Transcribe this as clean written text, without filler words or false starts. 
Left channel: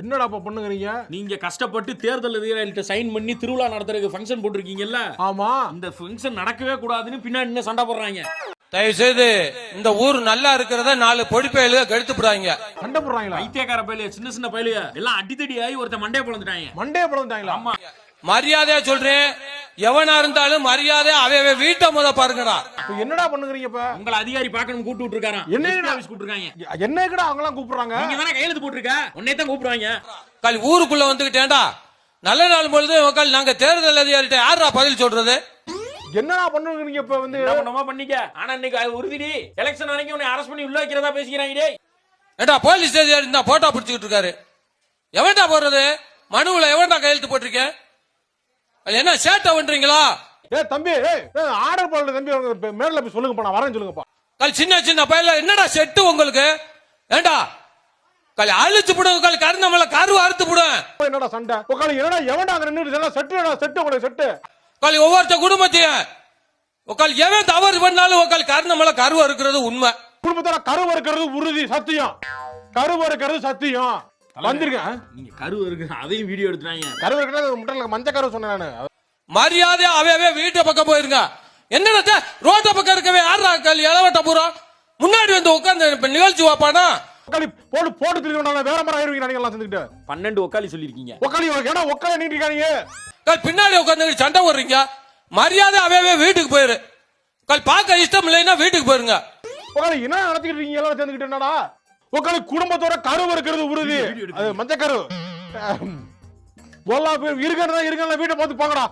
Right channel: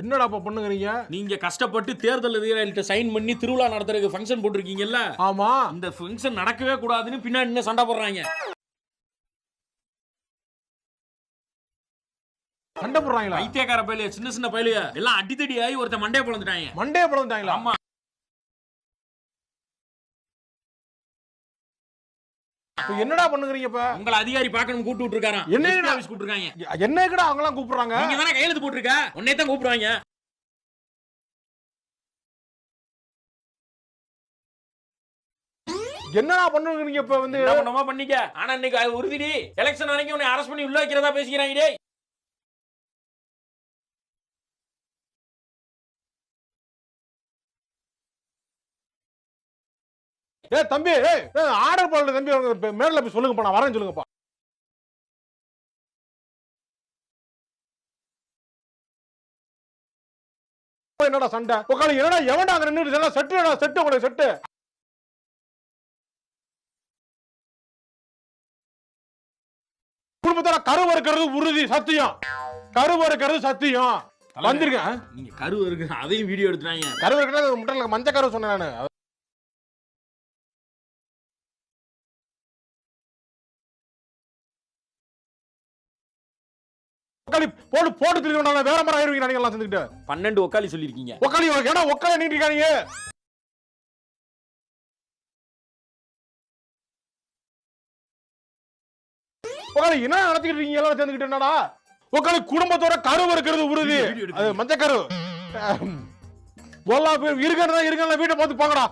என்னடா அப்ப பண்ணுங்கறீங்க? நீங்க கஷ்டப்பட்டு தேர்தல் அதிகாரிகிட்ட சைன் பண்ணி திருவிழா நடத்துறதுக்கு ஃபங்க்ஷன் போட்டிருக்கீங்கல்ல, ஆமா. இந்த ஃபங்க்ஷன் நடக்கவே கூடாதுன்னு பின்னாடி என்ன சண்டை போடுறாங்க. தயவு செய்து இந்த ஊர் நல்லா இருக்கிறத 4 பொடிப்பையில கெடுத்து போடுறாங்க. சண்டை போடுறாங்களா? ஐத்தியக்கார பயிலுக, சின்ன சின்ன பயிலுக எல்லாம் அடித்தடி ஆகி ஒருத்த மண்டையை பிளந்துட்டாங்க. மண்டையை பிளந்துட்டாங்களா? ஆமா. மரியாதையா சொல்றேன், எவனா இருந்தாலும் மரியாதை அவ வீட்டை முத பாருங்கடா. இப்ப என்னடா பண்ணுங்கறீங்க? இப்ப உங்களை அதிகாரி பார்க்கணும் கூப்பிட்டு விட்டுருக்காராம். என்ன ஆபீஸ் கூப்பிட்டுருக்காங்க. என்னக்கடா அவங்க எல்லாம் கூப்பிடுறாங்க? நீங்க தானே கையெழுத்து போட்டுருக்க, உன்னை தான் கூப்பிடுவாங்க. கால் ஊருக்குள்ள வந்துகிட்டேன்டா, நல்ல நாள் பொழுது உக்கால் நாங்க தேர்தல் அதிகாரிட்ட யாரா பதில் சொல்றது? என்னடா பண்ணுங்கறீங்க? இப்ப வந்து என்ன பண்ணமா பண்ணிக்க. ஆனா இன்னைக்கு உறுதிடி எலெக்ஷன் அன்னைக்கு உன்னை அரெஸ்ட் பண்ணி உள்ள வைக்கிறதா பேசிக்கிறாங்க. டேய் ஏண்டா போலீஸ் அதிகாரி இந்த போட்டோ பிடிச்சிட்டு இருக்காரு, எவன்டா போடுறது? மனுவுல எவன்டா கையெழுத்து போட்டிருக்கேன்? என்ன சேட்டை பண்றீங்களா? ஏய் தம்பி, ஆர்டர் பண்ணல தம்பி, மேல போய் சொல்லுங்கப்பா, நான் வரேன் சொல்லுங்கப்பா. கால் சின்ன சின்ன பையல என்னடா செட்டு உங்களுக்கு? ஏண்டா கால் அழிச்சு போடுங்க, கால் கருணமல கருவு அறுத்து போடுங்க. என்னடா சண்டை? உட்காந்து என்னடா எவன்டா அங்க நின்னு செட்டுடா, செட்டு உங்களுக்கு செட்டு. கால் ஒவ்வொருத்த குடும்பத்தையும் உக்கால் எவன் தவறு பண்ணாலும் உக்கால் கருணமல கருவு இருக்கிறது உண்மை. குடும்பத்தோட கருவு இருக்கிறது உறுதி, சத்தியம். கருவு இருக்கிறது சத்தியம். வந்திருக்கேன். நீங்க கருவு இருக்கு அதையும் வீடியோ எடுத்துறாங்க. கருவு இருக்கிறது முட்டல மஞ்சள் கருவு சொன்னேன் நானு. மரியாதை அவே வீட்டு பக்கம் போயிருங்க. என்னடா ரோட்ட பக்கம் இருக்கவே யாரா கால் இளவட்ட பூரா முன்னாடி வந்து உட்கார்ந்து நிகழ்ச்சி வாப்பானா? உக்காலி போட்டு போட்டு திரும்பினா வேற மாதிரி ஆயிருவீங்க நீங்க எல்லாம் சேர்ந்துட்டு. 12 உக்காலி சொல்லிருக்கீங்க. உக்காலி ஏடா உக்காலி நீங்க இருக்கானீங்க. கால் பின்னாடி உட்கார்ந்து சண்டை போடுறீங்க. மரியாதை அவே வீட்டுக்கு போயிரு. கால் பார்க்க இஷ்டம் இல்லைன்னா வீட்டுக்கு போயிருங்க. உக்காலி என்ன நடத்திட்டு இருக்கீங்க எல்லாம் சேர்ந்துட்டு? என்னடா உக்காலி குடும்பத்தோட கருவு இருக்கிறது உறுதி, அது மஞ்சள் கருவு. போலாம் இருக்கா வீட்டை பார்த்து போங்கடா.